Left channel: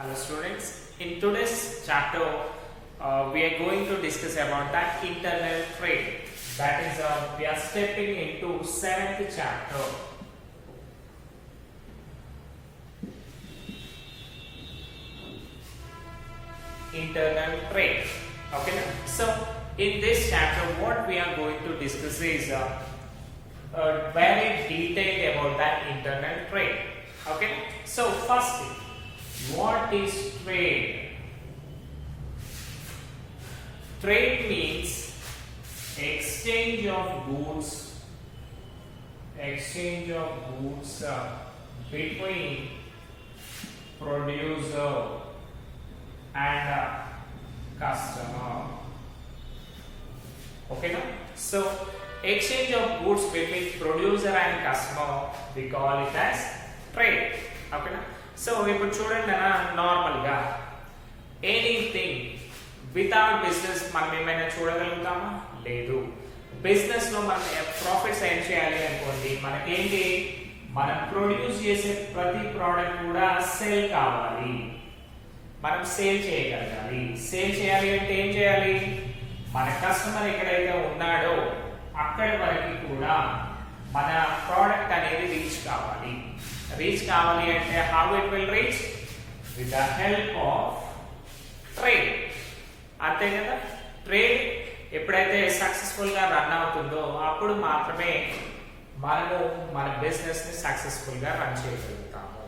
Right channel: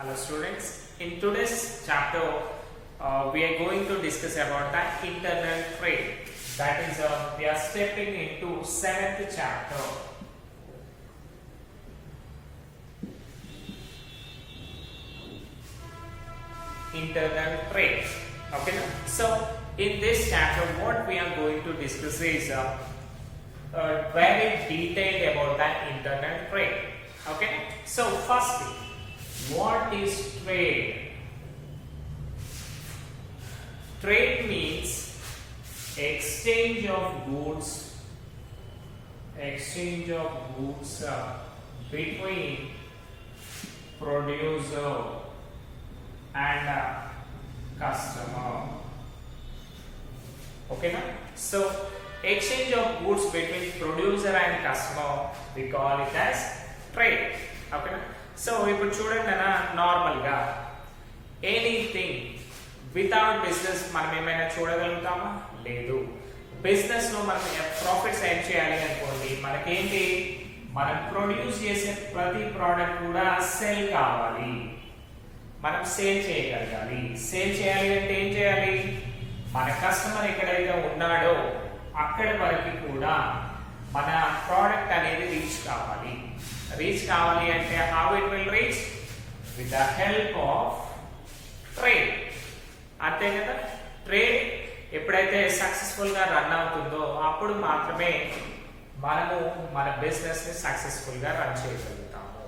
Hello students, in today's chapter we are going to discuss about the internal trade. That is we are stepping into 7th chapter. Internal trade. Okay, now? So in this chapter what we are going to discuss is very detailed about the internal trade. Okay, so firstly, what is trade? Trade means exchange of goods between producer and customer. Okay, now? So exchange of goods between producer and customer, we call it as trade. Okay, now? So ఇప్పుడు చూడండి అన్న, నార్మల్గా anything without business మనం ఏమైనా చూడగలుగుతామా? లేదు. Business లో మనం profits ఏం చేయాలి అనుకోండి, మనకేంటి, మనం ప్రొడ్యూస్ చేసే ప్రతి ప్రోడక్ట్ కూడా సేల్ కావాలి, మనం సేల్ చేయగలగాలి. సేల్ చేయాలి అంటే ఏం చేయాలి? మన కస్టమర్ ఎక్కడైతే ఉన్నాడో అక్కడి వరకు కూడా మన ప్రోడక్ట్ అనేది రీచ్ కావాలి. రీచ్ కావాలి అంటే how it will reach? With the help of trade. అంతే కదా? ట్రేడ్ ఎప్పుడైతే సక్సెస్ఫుల్ గా రన్ అవుతుందో అప్పుడు మాత్రమే మనము మన బిజినెస్ ని సక్సెస్ఫుల్ గా రన్ చేయగలుగుతాము.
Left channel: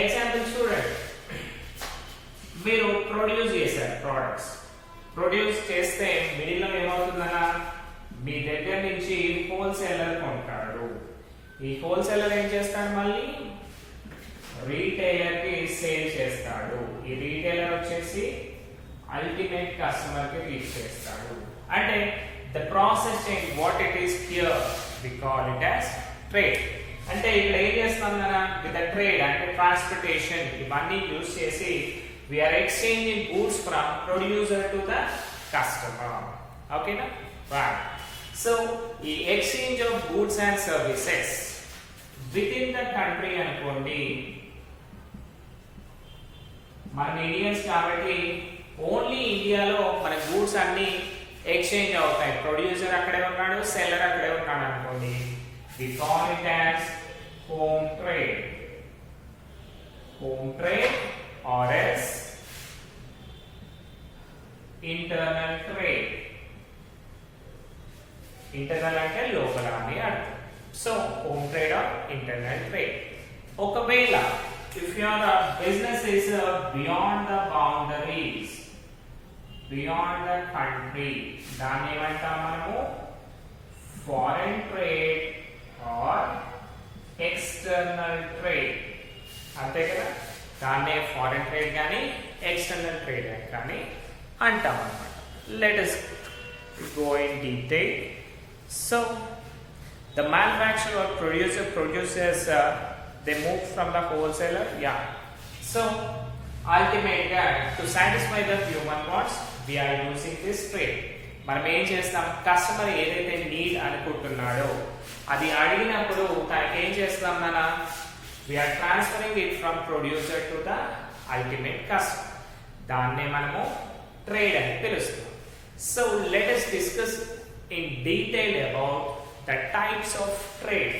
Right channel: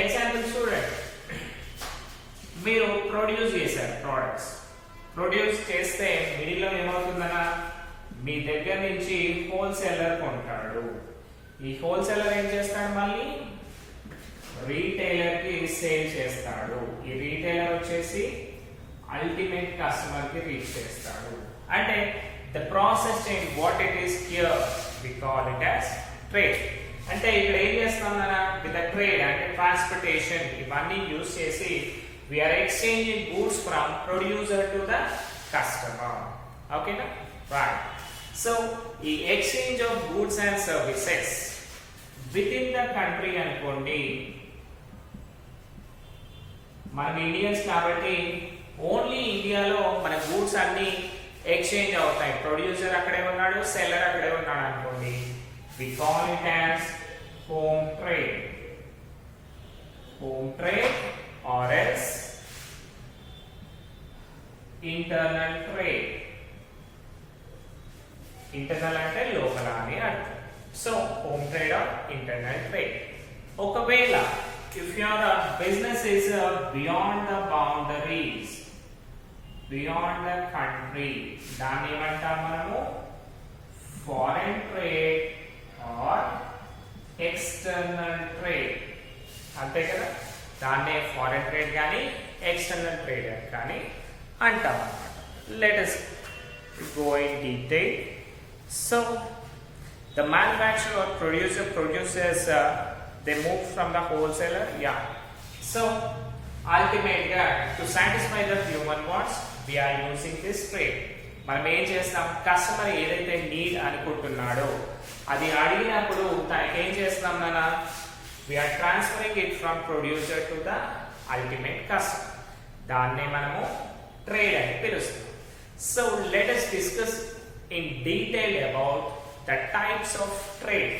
ఎగ్జాంపుల్ చూడండి, మీరు ప్రొడ్యూస్ చేశారు ప్రోడక్ట్స్. ప్రొడ్యూస్ చేస్తే మిడిల్ లో ఏమవుతుందన్నా, మీ దగ్గర నుంచి హోల్సేలర్ కొంటాడు. ఈ హోల్సేలర్ ఏం చేస్తాడు? మళ్ళీ రీటైలర్ కి సేల్ చేస్తాడు. ఈ రీటైలర్ వచ్చేసి అల్టిమేట్ కస్టమర్ కి రీచ్ చేస్తాడు. అంటే the process change what it is here we call it as trade. అంటే ఇక్కడ ఏం చేస్తాం కదా, విత్ ట్రేడ్ అంటే ట్రాన్స్పోర్టేషన్ ఇవన్నీ యూజ్ చేసి we are exchanging goods from producer to the customer. ఓకేనా? రైట్. సో ఈ exchange of goods and services within the country అనుకోండి, మనం ఇండియన్స్ కాబట్టి ఓన్లీ ఇండియాలో మన గూడ్స్ అన్ని ఎక్స్చేంజ్ అవుతాయి. ప్రొడ్యూసర్ అక్కడే ఉన్నాడు, సెల్లర్ అక్కడే ఉన్నాడు అనుకోండి, we call it as home trade. Home trade or else internal trade. Internal అంటే లోపల అని అర్థం. So home trade or internal trade. ఒకవేళ if your business is beyond the boundaries, beyond the country, దాన్ని ఏమంటాం మనము? Foreign trade or external trade. అంతే కదా? దాన్నే ఫారెన్ ట్రేడ్ కానీ ఎక్స్టర్నల్ ట్రేడ్ కానీ అంటాం అన్నమాట. Let us go in detail. So the manufacturer or producer produces, they move from the wholesaler. Yeah. So ultimately to satisfy the human wants we are using this trade. మనం ఏం చేస్తాం, customer ఏదైతే need అనుకుంటున్నాడో అది అడిగినప్పుడు తనకేం చేస్తాం నాన్న, we are transferring it from producer to the ultimate customer. దాన్నే మనము ట్రేడ్ అని పిలుస్తాం. So let us discuss in detail about the types of trade.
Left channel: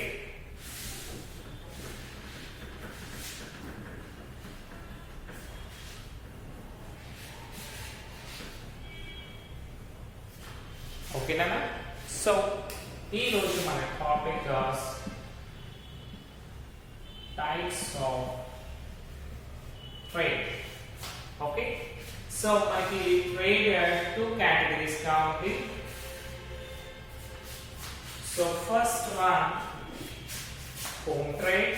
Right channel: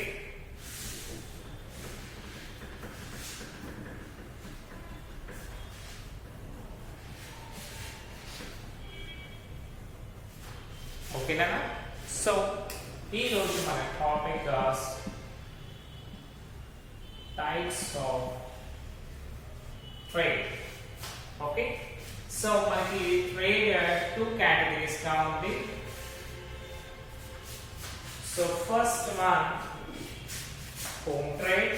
Okay nana? So ee roju mana topic is types of trade. Okay, so manaki trade two categories ga undi. So first one, home trade.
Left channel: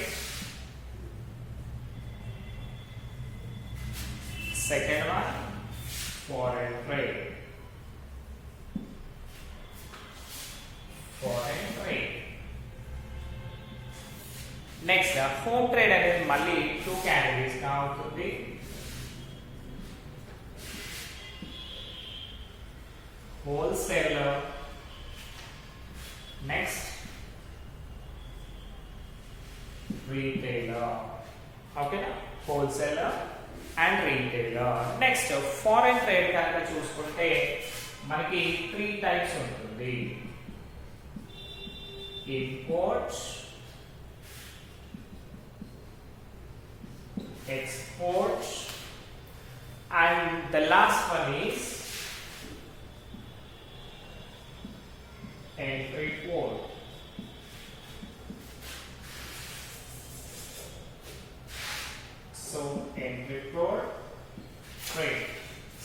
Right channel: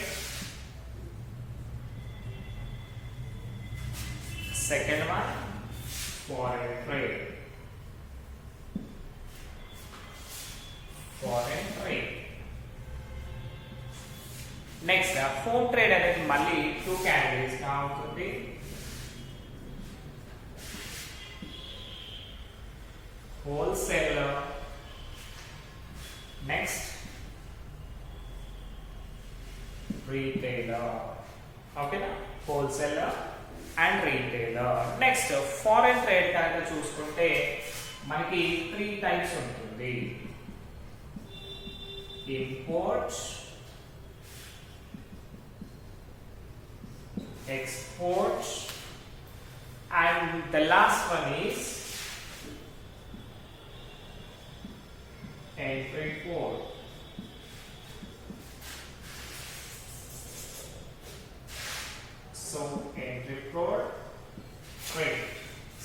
Second one, foreign trade. Foreign trade. Next, home trade అనేది మళ్ళీ two categories గా ఉంటుంది. Wholesaler. Next, retailer. Okay, wholesaler and retailer. Next foreign trade కనుక చూసుకుంటే మనకి 3 types ఉంటుంది. Imports, exports, and the last one is entry port. So entry port, trade.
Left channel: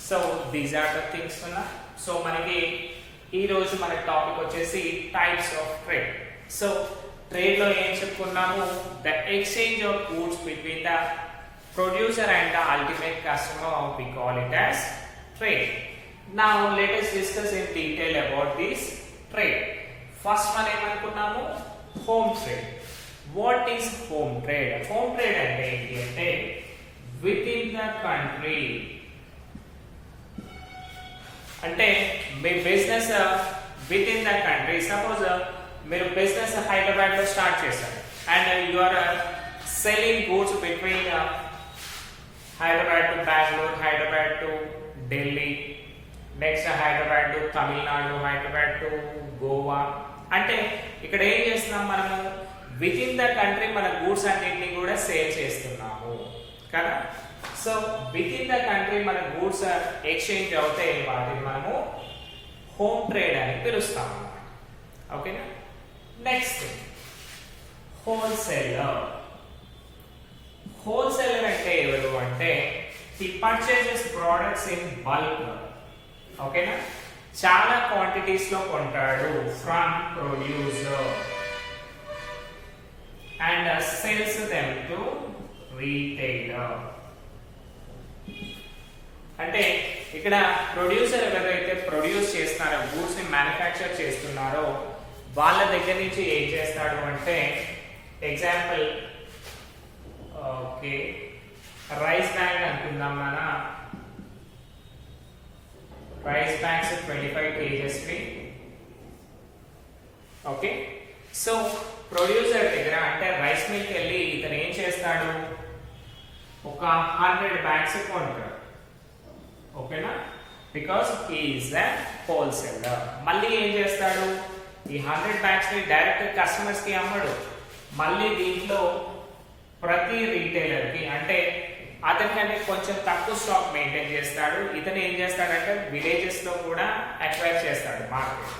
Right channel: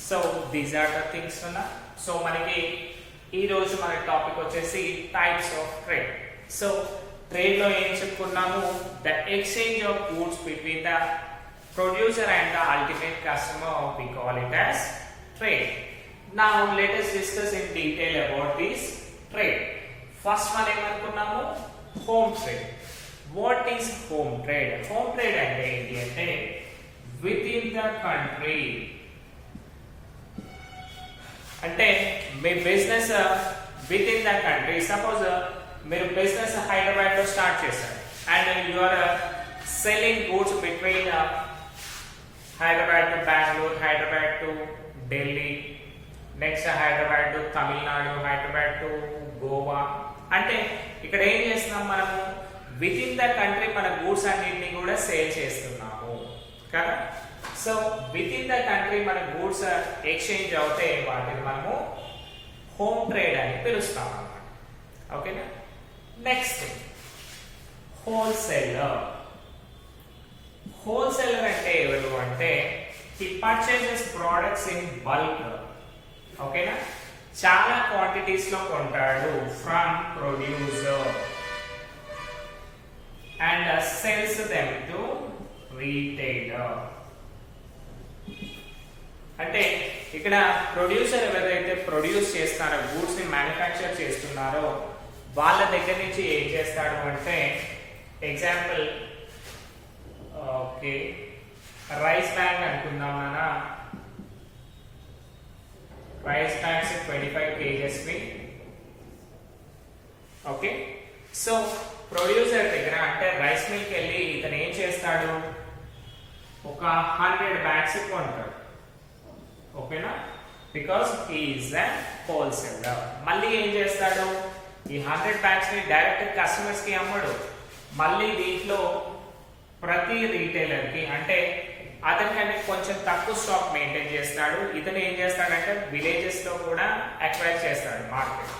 So these are the things na. So మనకి ఈ రోజు మన topic వచ్చేసి types of trade. So trade లో ఏం చెప్పుకున్నాము? The exchange of goods between the producer and the ultimate customer, we call it as trade. Now let us discuss in detail about this trade. First one ఏమనుకున్నాము? Home trade. What is home trade? Home trade అంటే ఏంటి అంటే within the country. అంటే మీ business within the country. Suppose మీరు business Hyderabad లో start చేశారు and you are selling goods between Hyderabad to Bengaluru, Hyderabad to Delhi, next Hyderabad to Tamil Nadu, Hyderabad to Goa. అంటే ఇక్కడ ఏం చేస్తున్నాం మనము? విత్ ఇన్ ద కంట్రీ మన గూడ్స్ అన్నింటినీ కూడా సేల్ చేస్తున్నాము కదా. So within the country మన గూడ్స్ ఎక్స్చేంజ్ అవుతే వాటిని మనము హోమ్ ట్రేడ్ అని పిలుస్తాం అన్నమాట. ఓకేనా? Next wholesaler. హోల్సేలర్ అంటే ఎవరు అంటే he purchases products in bulk. ఓకేనా? చాలా క్వాంటిటీస్ లో కొంటాడు from producer and sales them to retailer. అంటే ఇక్కడ ప్రొడ్యూసర్ ఎవరైతే ప్రొడ్యూస్ చేస్తారో, గూడ్స్ ని మ్యానుఫ్యాక్చర్ చేస్తున్నారో వాళ్ళ దగ్గర నుంచి ఏం చేస్తాడు అంటే, ఎగ్జాంపుల్ ఓకే రైస్ బ్యాగ్ అనుకుందాం. మన రైస్ బ్యాగ్స్ 25 kgs ని. ఓకే, సో ప్రొడ్యూసర్ దగ్గర అంటే రైస్ మిల్క్ వెళ్ళి ఇతను ఏం చేస్తాడు? ఒక 100 బ్యాగ్స్ కొంటాడు. ఓకేనా? Because he is a wholesaler. మళ్ళీ ఏం చేస్తాడు? ఈ 100 బ్యాగ్స్ ని డైరెక్ట్ కస్టమర్స్ కి అమ్మడు. మళ్ళీ దీంట్లో ప్రతి రీటైలర్ కి అంటే అతనికంటే కొంచెం తక్కువ స్టాక్ మెయింటైన్ చేస్తాడు. ఇతను ఏం చేస్తాడంటే విలేజెస్ లో కూడా అక్వైర్ చేస్తాడు మార్కెట్.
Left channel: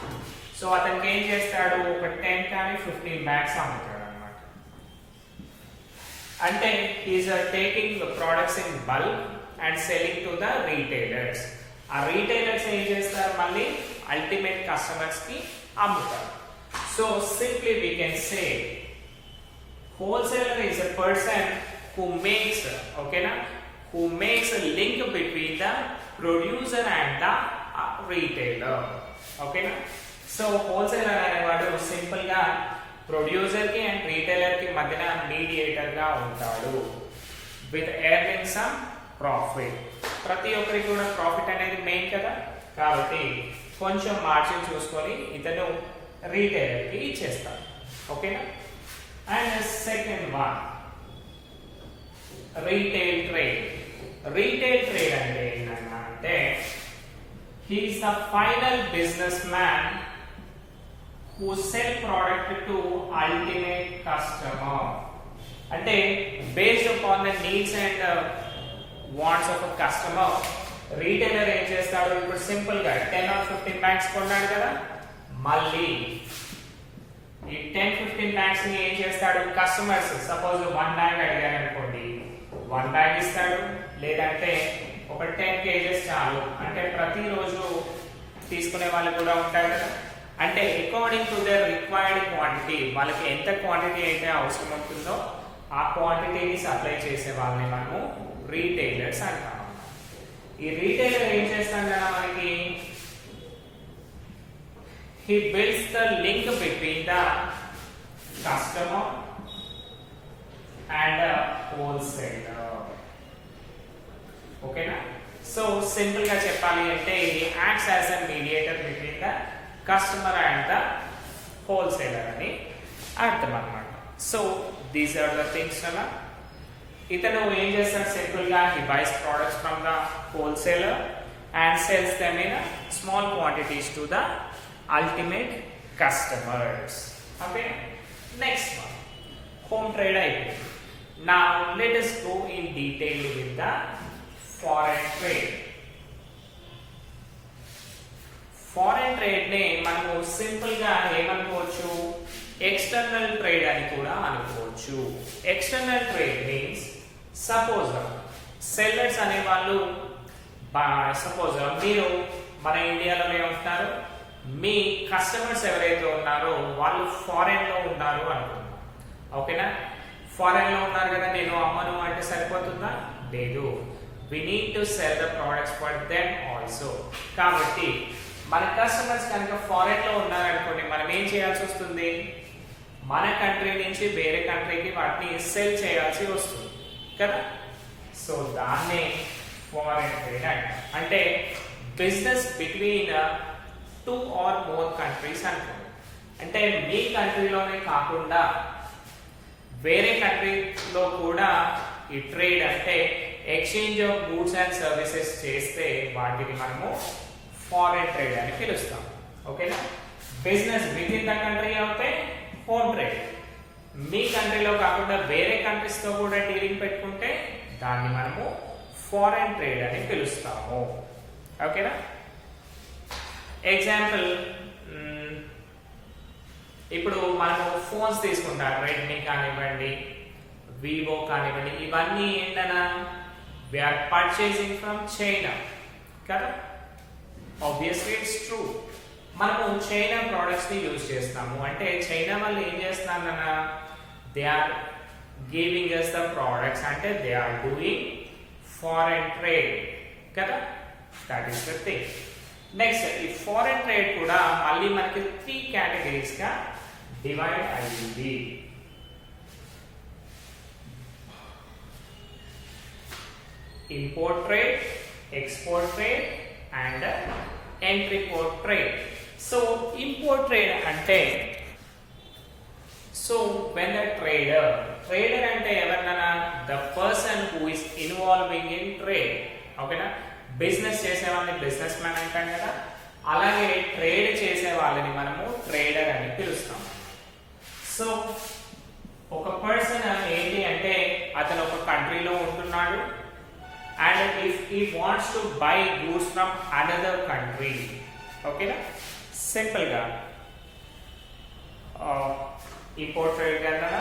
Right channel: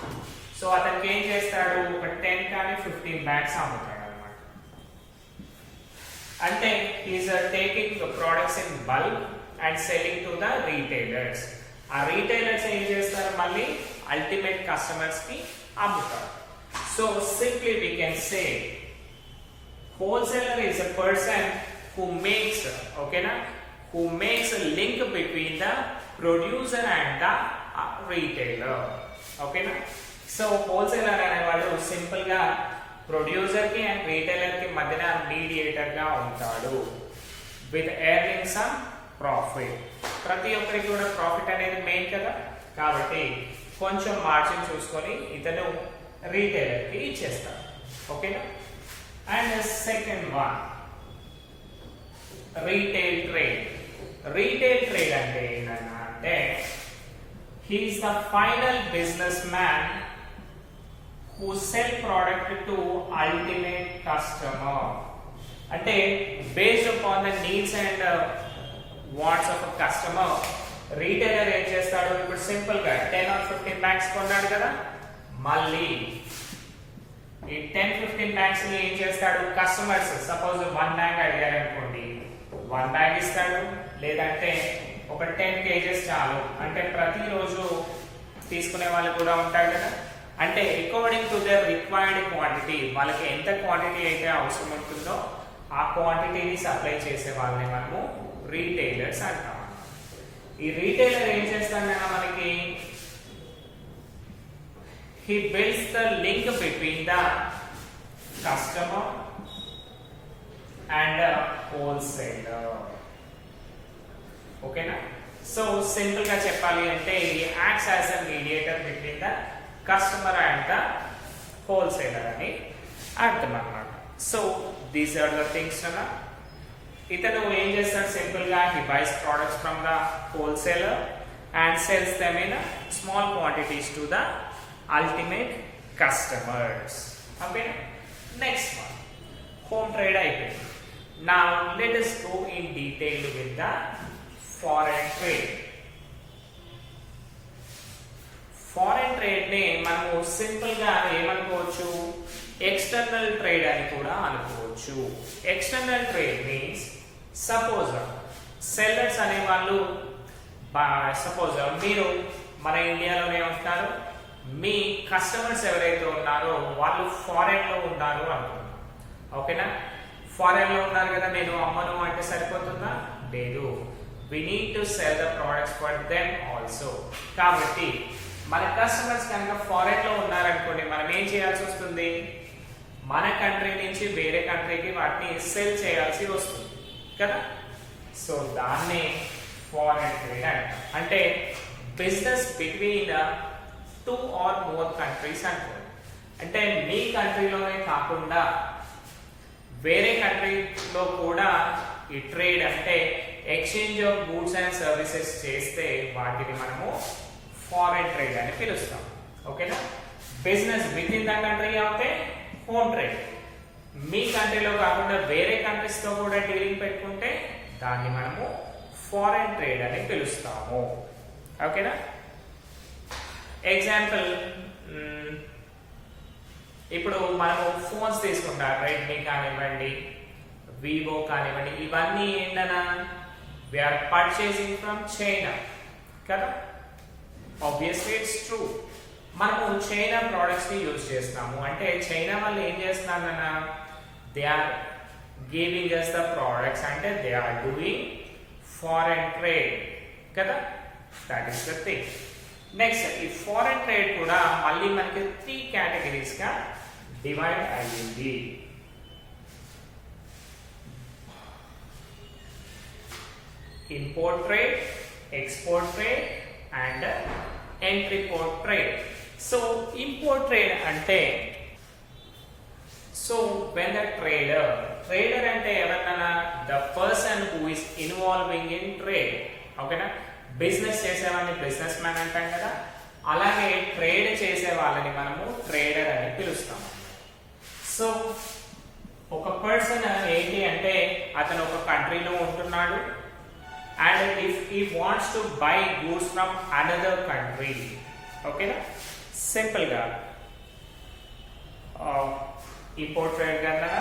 సో అతనికి ఏం చేస్తాడు? ఒక 10 కానీ 15 బ్యాగ్స్ అమ్ముతాడు అనమాట. అంటే is taking products in bulk and selling to the retailers. ఆ రీటైలర్స్ ఏం చేస్తారు? మళ్ళీ అల్టిమేట్ కస్టమర్స్ కి అమ్ముతారు. So simply we can say wholesaler is a person who makes, okay na, who makes a link between the producer and the retailer. Okay na? So wholesaler అనేవాడు simple గా producer కి and retailer కి మధ్యన mediator గా ఉంటాడు with earning some profit. ప్రతి ఒక్కరికి కూడా ప్రాఫిట్ అనేది మెయిన్ కదా, కాబట్టి కొంచెం మార్జిన్ చూసుకొని ఇతను రీటైలర్ కి ఇచ్చేస్తాడు. ఓకేనా? And the second one, retail trade. Retail trade అంటే ఏంటంటే he is the final businessman who sell product to ultimate customer. అంటే based upon the needs and wants of a customer, retailer ఏం చేస్తాడు? ఇప్పుడు సింపుల్ గా 10 or 15 bags కొన్నాడు కదా, మళ్ళీ ఈ 10-15 బ్యాగ్స్ ని ఏం చేస్తాడు? కస్టమర్స్ సపోజ్ 1 బ్యాగ్ అడిగారు అనుకోండి, 1 బ్యాగ్ ఇస్తాడు. లేదంటే ఒక 10 kgs చాలు అంటే ప్రతిరోజు తీసుకునే వాళ్ళు కూడా ఉంటారు కదా. అంటే according to the required quantity, వాళ్ళకి ఎంత క్వాంటిటీ అయితే అవసరం ఉంటుందో ఆ క్వాంటిటీని సప్లై చేసే వాళ్ళని మనము రీటైలర్స్ అంటాం. ఈ రీటైలర్ ఏం చేస్తాడు కదా మనకి? He builds the link between the customer and the wholesaler. Okay na? So simple ga cheppali ante he acts as a mediator between the customer and the wholesaler ani artham annamata. So these are the things nalla. ఇతను ఏం చేస్తాడు, simple గా he buys products from the wholesaler and sells them in small quantities to the ultimate customers. Okay, next one home trade అయిపోయింది. Now let us go in detail with the foreign trade. Foreign trade ని మనము simple గా ఏమనుకోవచ్చు, external trade అని కూడా అనుకోవచ్చు. External trade means suppose sellers అనే వాళ్ళు, suppose మీరు మన ఇండియాలోనే ఉంటున్నారు, మీ కస్టమర్స్ ఎవరైతే ఉన్నారో వాళ్ళు ఫారెన్ లో ఉన్నారు అనుకుంటున్నాం. ఓకేనా, ఫారెన్ లో ఉన్నారు కదా, నేను అమ్మను అంటే సరిపోతుందా? లేదు, we need to sell the products for them also. కాబట్టి మన కస్టమర్స్ కనుక ఫారెన్ లో ఉన్నారనుకోండి, మనం ఏం చేయాల్సి వస్తుంది, మన కంట్రీ నుంచి వేరే కంట్రీకి వాటిని సెల్ చేయాల్సి వస్తుంది కదా. సో దాన్ని ఫారెన్ ట్రేడ్ అంటాం. అంటే business between 2 or more countries అనుకోండి. అంటే మీ కంట్రీలోనే కాకుండా వేరే కంట్రీలో కూడా ఈ ట్రేడ్ అంటే exchange of goods and services చేస్తే వాటిని మనము ఫారెన్ ట్రేడ్ అని పిలుస్తాం. ఓకేనా, business within the country అవుతే హోమ్ ట్రేడ్, మీ కంట్రీలో కాకుండా వేరే కంట్రీస్ తో కూడా డీలింగ్ పెట్టుకుంటే దాన్ని మనము ఫారెన్ ట్రేడ్ అని పిలుస్తాము. ఓకేనా, ఎగ్జాంపుల్ ఇప్పుడు మనము ఫోన్స్ తీసుకుంటాం, రెడ్మీ కానివ్వండి, వివో కానివ్వండి, ఇవన్నీ ఏంటన్నా we are purchasing from China కదా. ఆబ్వియస్లీ ఇట్స్ ట్రూ, మనము చైనా ప్రోడక్ట్స్ ని యూజ్ చేస్తాము. అంటే చైనా వాళ్ళు ఏం చేస్తున్నారన్నా, they are giving us the products, అంటే they are doing foreign trade కదా. That is the thing. Next ఈ ఫారెన్ ట్రేడ్ కూడా మళ్ళీ మనకి 3 కేటగిరీస్ గా డివైడ్ అయ్యింది. Import trade, export trade and entry port trade. So import trade అంటే, so when the trader అంటే ఎవరన్నా, the person who is involving in trade. ఓకేనా, బిజినెస్ చేసే వాళ్ళని బిజినెస్ మ్యాన్ అంటాం కదా, అలాగే ట్రేడ్ చేసే వాళ్ళని మనము ట్రేడర్ అని పిలుస్తాం. సో ఒక పర్సన్ ఏంటి అంటే, అతను ఒక కంట్రీలో ఉంటున్నాడు and if he wants to buy goods from another country, okay na, simple ga import trade ganna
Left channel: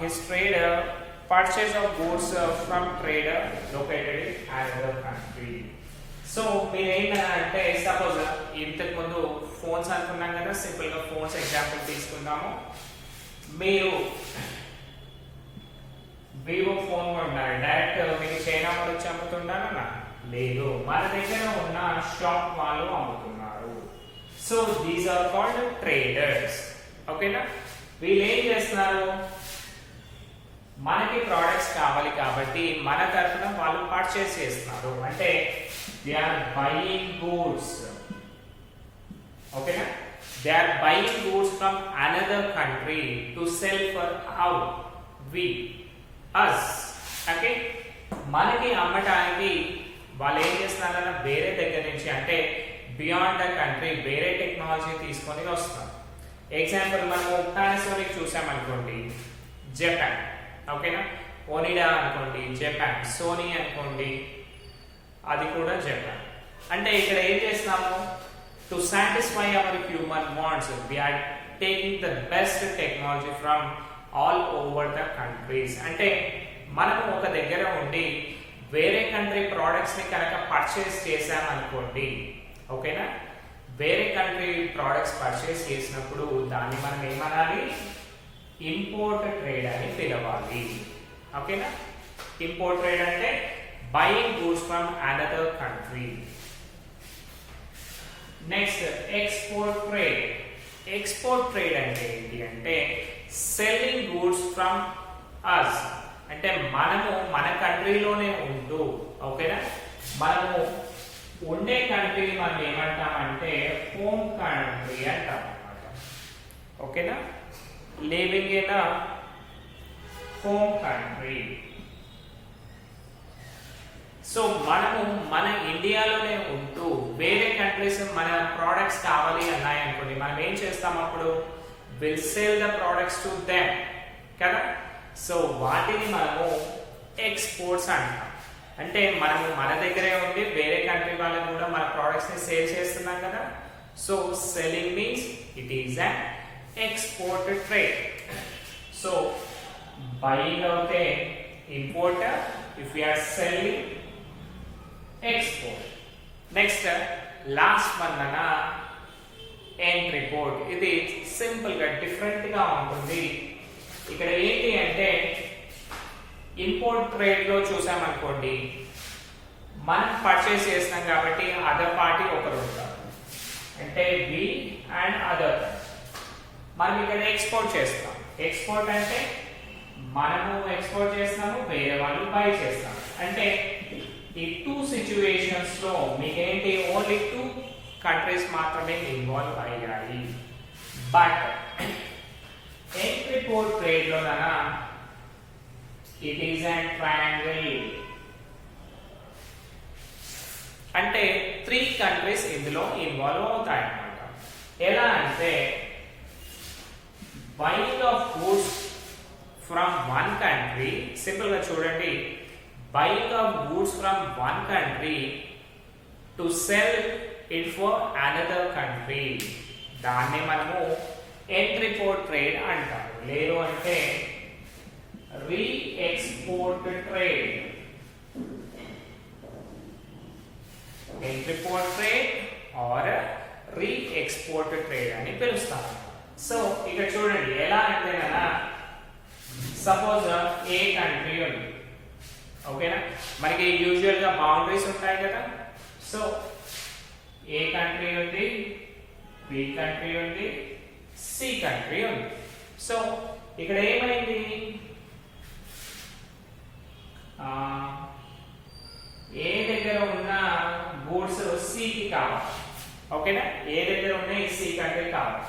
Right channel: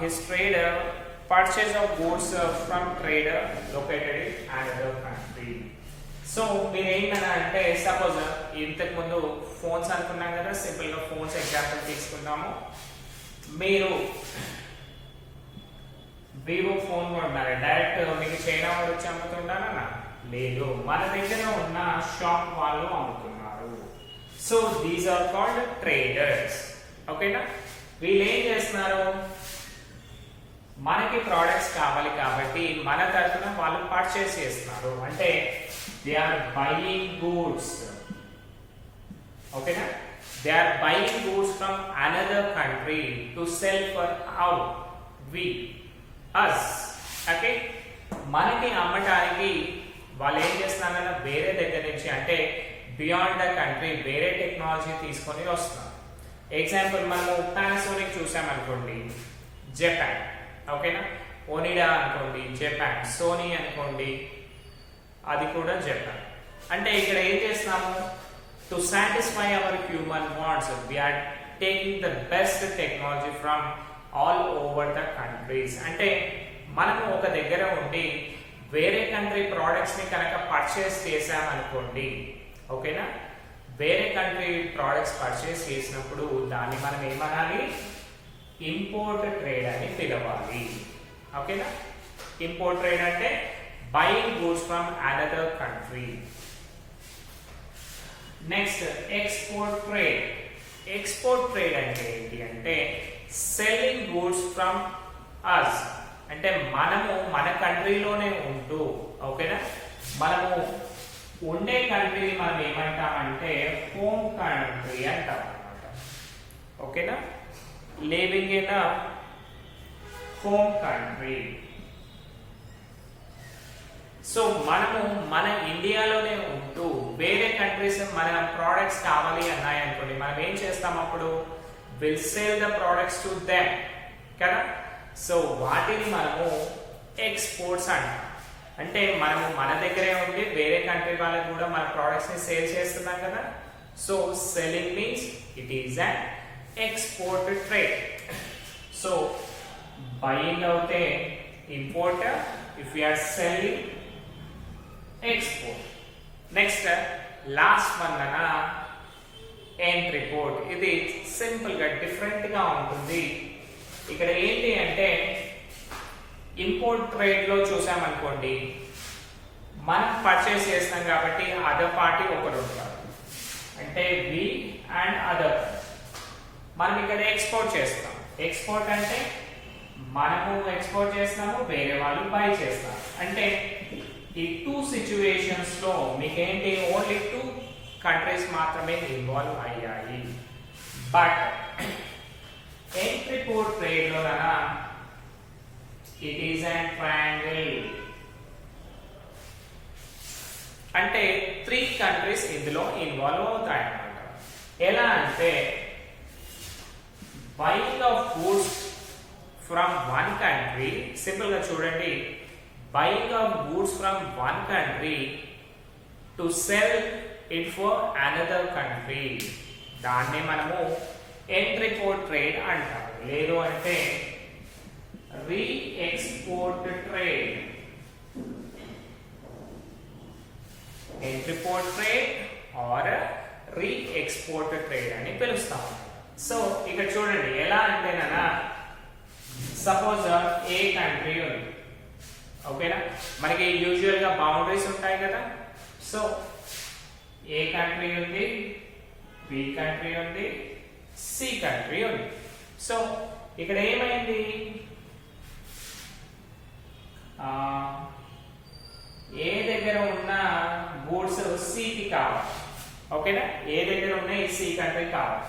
his trader purchase of goods from trader located in another country. So మీరు ఏంటన్నా అంటే, సపోజ్ ఇంతకు ముందు ఫోన్స్ అనుకున్నాం కదా, simple గా phones example తీసుకుందాము. మీరు వివో ఫోన్ కొన్నారు, డైరెక్ట్ మీకు చైనా వాడు వచ్చి అమ్ముతున్నారా? లేదు, మన దగ్గర ఉన్న షాప్ వాళ్ళు అమ్ముతున్నారు. So these are called traders. ఓకేనా, వీళ్ళు ఏం చేస్తున్నారు, మనకి ప్రోడక్ట్స్ కావాలి కాబట్టి మన తరఫున వాళ్ళు పర్చేస్ చేస్తున్నారు. అంటే దే ఆర్ బయింగ్ గూడ్స్. ఓకేనా, they are buying goods from another country to sell for out we us. Okay, మనకి అమ్మటానికి వాళ్ళు ఏం చేస్తున్నారన్నా వేరే దగ్గర నుంచి, అంటే బియాండ్ ద కంట్రీ వేరే టెక్నాలజీ తీసుకొని వస్తున్నారు. ఎగ్జాంపుల్ మనము పానాసోనిక్ చూసామనుకోండి, జపాన్. ఓకేనా, ఓనిడా అనుకోండి జపాన్, సోనీ అనుకోండి అది కూడా జపాన్. అంటే ఇక్కడ ఏం చేస్తున్నాము, to satisfy our human wants we are taking the best technology from all over the countries. అంటే మనము ఒక దగ్గర ఉండి వేరే కంట్రీ ప్రోడక్ట్స్ ని కనుక పర్చేస్ చేసామనుకోండి, ఓకేనా, వేరే కంట్రీ ప్రోడక్ట్స్ పర్చేస్ చేసినప్పుడు దాన్ని మనం ఏమనాలి, ఇంపోర్ట్ ట్రేడ్ అని పిలవాలి. ఓకేనా, ఇంపోర్ట్ ట్రేడ్ అంటే buying goods from another country. Next export trade. Export trade అంటే ఏంటి అంటే, సెల్లింగ్ గూడ్స్ ఫ్రమ్ అస్. అంటే మనము మన కంట్రీలోనే ఉంటూ, ఓకేనా, మనము ఉండే కంట్రీని మనం ఏమంటామంటే హోమ్ కంట్రీ అంటాం అన్నమాట. ఓకేనా, living in home country. So మనము మన ఇండియాలోనే ఉంటూ వేరే కంట్రీస్ మన ప్రోడక్ట్స్ కావాలి అన్నాయి అనుకోండి, మనం ఏం చేస్తాం అప్పుడు? Will sale the products to them కదా. సో వాటిని మనము ఎక్స్పోర్ట్స్ అంటాం. అంటే మనము మన దగ్గరే ఉండి వేరే కంట్రీ వాళ్ళకి కూడా మన ప్రోడక్ట్స్ ని సేల్ చేస్తున్నాం కదా. So selling means it is an export trade. So buying అవుతే import, if you are selling export. Next last one అన్నా ఎంట్రీ పోర్ట్. ఇది సింపుల్ గా డిఫరెంట్ గా ఉంటుంది. ఇక్కడ ఏంటి అంటే ఇంపోర్ట్ ట్రేడ్ లో చూసామనుకోండి, మనం పర్చేస్ చేస్తాం కాబట్టి అదర్ పార్టీ ఒకరు ఉంటారు, అంటే వి అండ్ అదర్. మనం ఇక్కడ ఎక్స్పోర్ట్ చేస్తాం. ఎక్స్పోర్ట్ అంటే మనము ఎక్స్పోర్ట్ చేస్తాము, వేరే వాళ్ళు బై చేస్తాం. అంటే ఈ టూ సిచ్యువేషన్స్ లో మీకేంటి ఓన్లీ టూ కంట్రీస్ మాత్రమే ఇన్వాల్వ్ అయ్యాయి. బట్ ఎంట్రీ పోర్ట్ ట్రేడ్ లో ఇట్ ఈస్ అండ్ ట్రయాంగిల్. అంటే 3 కంట్రీస్ ఇందులో ఇన్వాల్వ్ అవుతాయి అన్నమాట. ఎలా అంటే buying of goods from one country, simple గా చూడండి, buying of goods from one country to sell it for another country, దాన్నే మనము ఎంట్రీ పోర్ట్ ట్రేడ్ అంటాము. లేదు అంటే re export trade. Entry port trade or re export trade అని పిలుస్తాము. So ఇక్కడ చూడండి ఎలా అంటేనా, సపోజ్ ఏ కంట్రీ ఉంది, ఓకేనా, మనకి యూజువల్ గా బౌండరీస్ ఉంటాయి కదా. సో ఏ కంట్రీ ఉంది, బి కంట్రీ ఉంది, సి కంట్రీ ఉంది. సో ఇక్కడ ఏమైంది, ఏ దగ్గర ఉన్న గూడ్స్ సికి కావాలి, ఓకేనా, ఏ దగ్గర ఉన్న సి కంట్రీ కావాలి.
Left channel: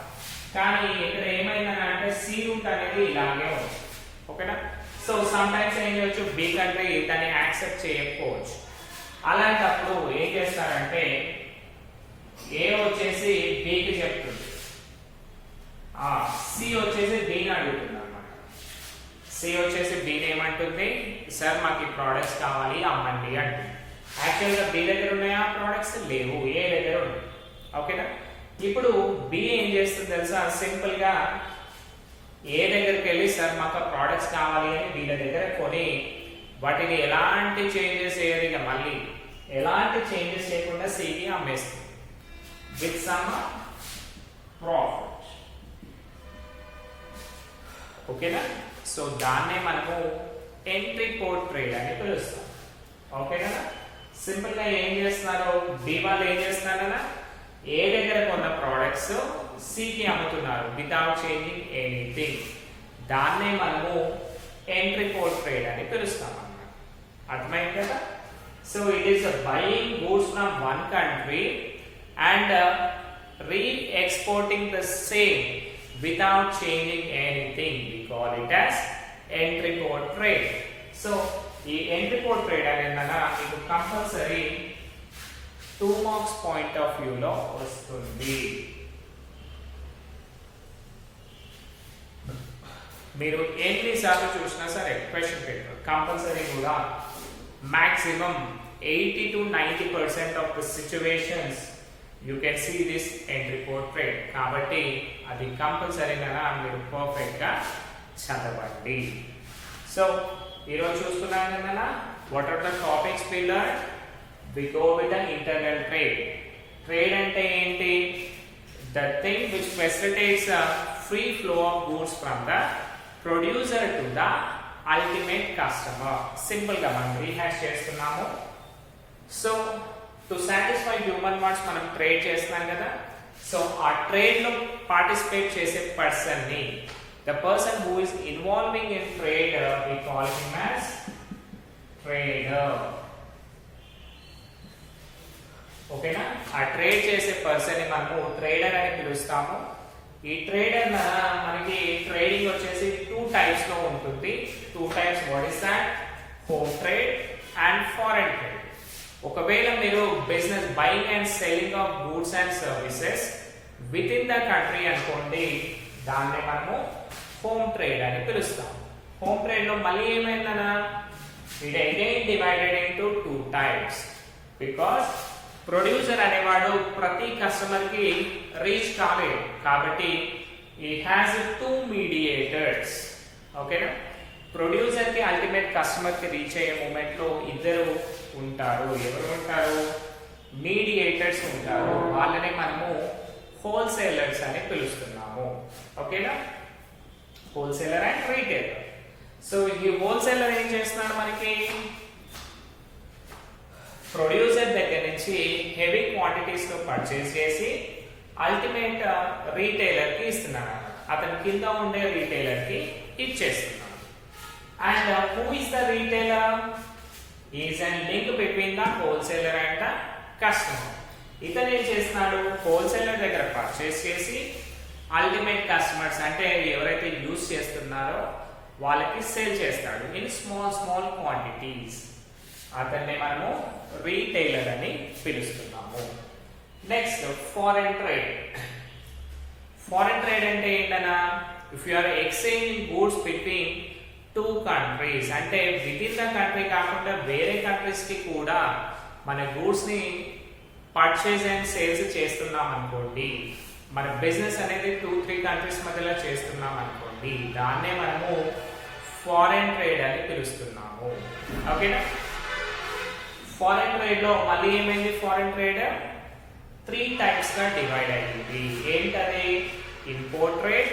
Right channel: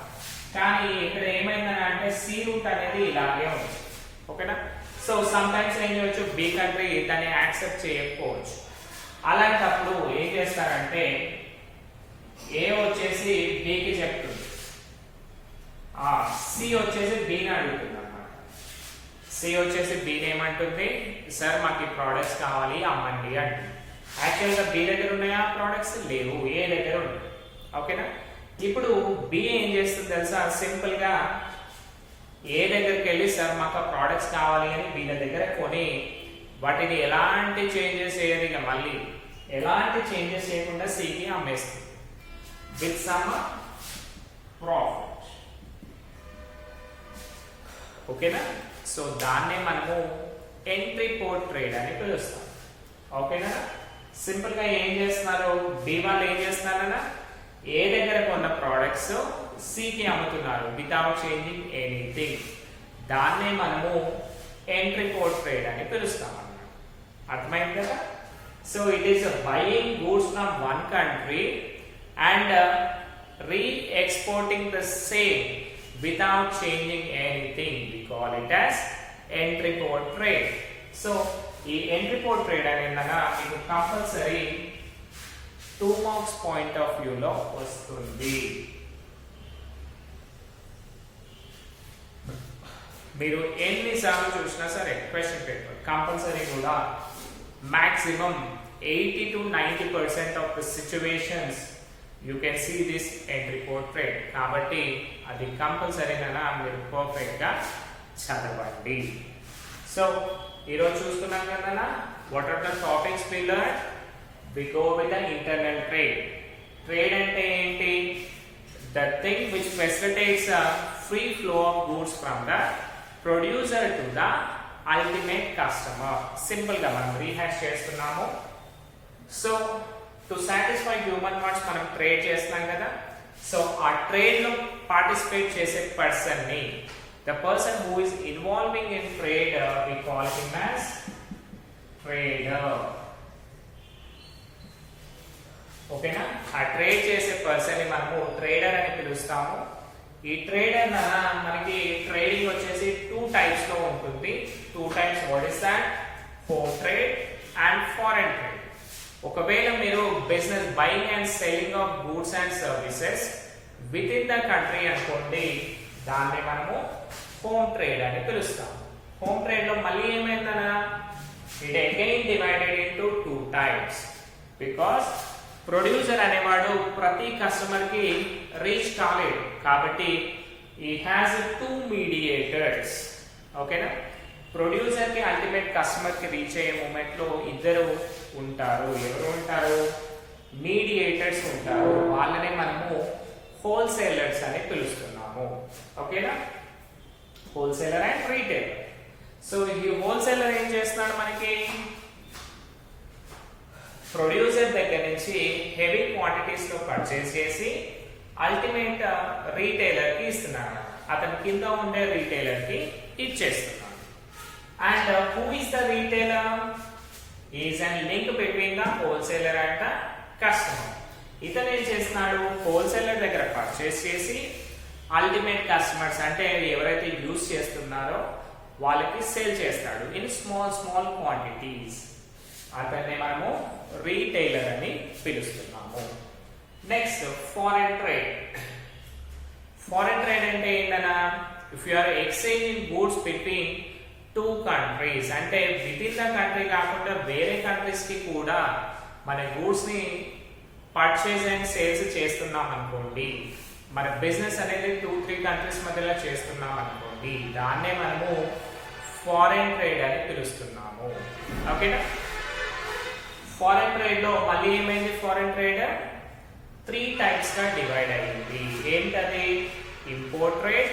కానీ ఇక్కడ ఏమైందని అంటే సి రూట్ అనేది ఇలాగే ఉంది, ఓకేనా. సో సమ్ టైమ్స్ ఏం చేయొచ్చు, బి కంట్రీ దాన్ని యాక్సెప్ట్ చేయకపోవచ్చు. అలాంటప్పుడు ఏం చేస్తారంటే ఏ వచ్చేసి బికి చెప్తుంది, సి వచ్చేసి బిని అడుగుతుంది అన్నమాట. సి వచ్చేసి బిని ఏమంటుంది, సార్ మాకు ఈ ప్రోడక్ట్స్ కావాలి అమ్మండి అంటుంది. యాక్చువల్ గా బి దగ్గర ఉన్నాయా ప్రోడక్ట్స్? లేవు, ఏ దగ్గర ఉన్నాయి, ఓకేనా. ఇప్పుడు బి ఏం చేస్తుంది తెలుసా, సింపుల్ గా ఏ దగ్గరికి వెళ్ళి సార్ మాకు ప్రోడక్ట్స్ కావాలి అని వీళ్ళ దగ్గర కొని వాటిని ఎలాంటి చేంజెస్ చేయదు, ఇక మళ్ళీ ఎలాంటి చేంజెస్ చేయకుండా సికి అమ్మేస్తుంది విత్ సమ్ ప్రాఫిట్, ఓకేనా. సో దాన్నే మనము ఎంట్రీ పోర్ట్ ట్రేడ్ అని పిలుస్తాం, ఓకేనా. సింపుల్ గా ఏం చేస్తున్నారు, బి వాళ్ళు ఏం చేస్తున్నారన్నా, ఏ దగ్గర కొన్న ప్రోడక్ట్స్ సికి అమ్ముతున్నారు వితౌట్ చేంజింగ్ ఎనీథింగ్. దాన్నే మనము ఎంట్రీ పోర్ట్ ట్రేడ్ అని పిలుస్తాం అన్నమాట. అర్థమైంది కదా. So it is buying goods from one country and re exporting the same without changing anything. We call it as entry port trade. So ఈ ఎంట్రీ పోర్ట్ ట్రేడ్ అనేది మీకు compulsory 2 marks point of view లో వస్తుంది. మీరు ఎన్నిసార్లు చూసినా సరే question paper compulsory కూడా maximum 80 to 90% of the situations you can see this entry port trade. కాబట్టి అది కంపల్సరీగా మీరు పర్ఫెక్ట్ గా చదవండి. సో ఈరోజు చూస్తున్నాం కదా, what are the topics we learn. We go with the internal trade. Trade అంటే ఏంటి? The thing which facilitates free flow of goods from the producer to the ultimate customer. Simple గా మనం rehash చేస్తున్నాము. So to satisfy human wants మనం trade చేస్తున్నాం కదా. So ఆ trade లో పార్టిసిపేట్ చేసే పర్సన్ ని, the person who is involving in trade, we call him as trader. ఓకేనా? ఆ ట్రేడ్ చేసే పర్సన్ ని మనము ట్రేడర్ అని పిలుస్తాము. ఈ ట్రేడ్ అన్న మనకి ట్రేడింగ్ వచ్చేసి 2 టైప్స్ లో ఉంటుంది. 2 types. What is that? Home trade and foreign trade. ఒకవేళ మీరు business buying and selling of goods and services within the country అనుకోండి, దాన్ని మనము హోమ్ ట్రేడ్ అని పిలుస్తాం. హోమ్ ట్రేడ్ లో మళ్ళీ ఏమైందనా, it again divided into 2 types. Because producer అనేవాడు ప్రతి కస్టమర్ కి రీచ్ కాలేడు, కాబట్టి ఈ హ్యాస్ 2 మీడియేటర్స్. ఓకేనా? ప్రొడ్యూసర్ కి అల్టిమేట్ కస్టమర్ కి రీచ్ అయ్యే మూమెంట్ లో ఇద్దరు ఉంటారు. ఎవరు ఉంటారు? మీడియేటర్స్ ఉంటారు. వాళ్ళనే మనము హోల్సేలర్స్ అని పిలుస్తున్నాము. ఓకేనా? Wholesaler and retailer. సో ఈ హోల్సేలర్ ఏం చేస్తున్నాడు, మనకి ప్రొడ్యూసర్ దగ్గర నుంచి హెవీ క్వాంటిటీస్ లో పర్చేస్ చేసి అల్టిమేట్ రీటైలర్ కి ఇస్తున్నాడు. అతని కింద ఉండే రీటైలర్ కి ఇచ్చేస్తున్నాడు. And who is the retailer? Is and link between the wholesaler and the customer. ఇతను ఏం చేస్తున్నాడు, హోల్సేలర్ దగ్గర పర్చేస్ చేసి అల్టిమేట్ కస్టమర్స్ అంటే ఎవరైతే యూజ్ చేస్తున్నారో వాళ్ళకి సేల్ చేస్తాడు. Means small quantities. అతన్ని మనము రీటైలర్ అని పిలుస్తున్నాము. Next foreign trade. Foreign trade అంటే ఏంటన్నా, if you are exchanging goods between 2 countries, అంటే విత్ ఇన్ ద కంట్రీ కాకుండా వేరే కంట్రీస్ కి కూడా మన గూడ్స్ ని పర్చేజ్ అండ్ సేల్స్ చేస్తున్నాం అనుకోండి, మన బిజినెస్ అనేది 2-3 కంట్రీస్ మధ్యలో చేస్తున్నాం అనుకోండి, దాన్నే మనము ఫారెన్ ట్రేడ్ అని పిలుస్తున్నాము. ఓకేనా? ఫారెన్ ట్రేడ్ లో మళ్ళీ ఏమైంది, ఫారెన్ ట్రేడ్ 3 టైప్స్ గా డివైడ్ అయ్యింది. ఏంటది? Import trade,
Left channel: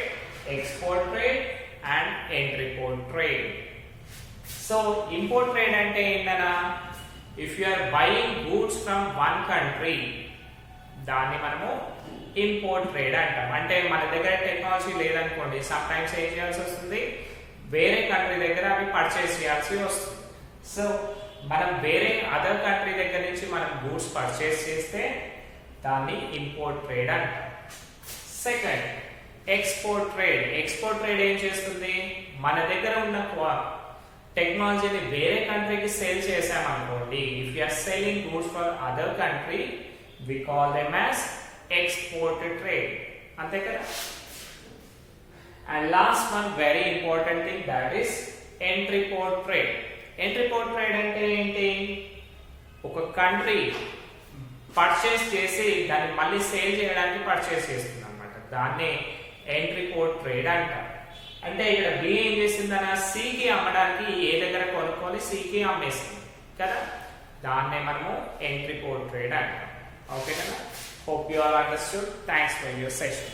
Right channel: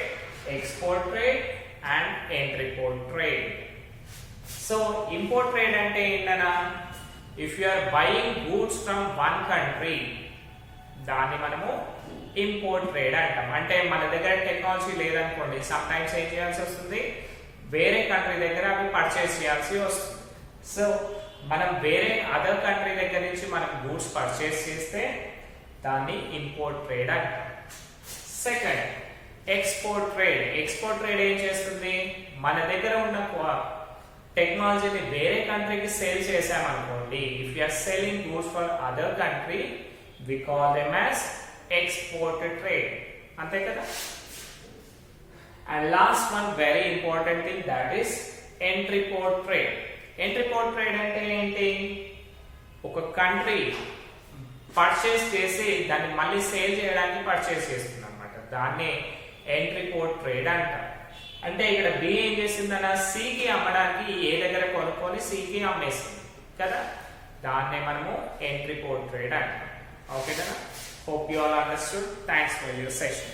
export trade and entrepot trade. So import trade అంటే ఏంటన్నా, if you are buying goods from 1 country, దాన్ని మనము ఇంపోర్ట్ ట్రేడ్ అంటాం. అంటే మన దగ్గర టెక్నాలజీ లేదనుకోండి, సమ్ టైమ్స్ ఏం చేయాల్సి వస్తుంది, వేరే కంట్రీ దగ్గర అవి పర్చేస్ చేయాల్సి వస్తుంది. సో మనం వేరే అదర్ కంట్రీ దగ్గర నుంచి మనం గూడ్స్ పర్చేస్ చేస్తే దాన్ని ఇంపోర్ట్ ట్రేడ్ అంటాం. Second, export trade. Export trade ఏం చేస్తుంది, మన దగ్గర ఉన్న టెక్నాలజీని వేరే కంట్రీకి సేల్ చేసామనుకోండి, if you are selling goods for other country, we call them as export trade. అంతే కదా? And last one very important thing, that is entrepot trade. Entrepot trade అంటే ఏంటి, ఒక కంట్రీ పర్చేస్ చేసి దాన్ని మళ్ళీ సేల్ చేయడానికి పర్చేస్ చేస్తుంది అనమాట. దాన్ని ఎంట్రీపోర్ట్ ట్రేడ్ అంటారు. అంటే ఇక్కడ బి ఏం చేసిందన్న, సికి అమ్మడానికి ఏ దగ్గర కొనుక్కొని సికి అమ్మేస్తుంది కదా, దాన్నే మనము ఎంట్రీపోర్ట్ ట్రేడ్ అంటాం. ఓకే కదా? Hope you all understood. Thanks for your session.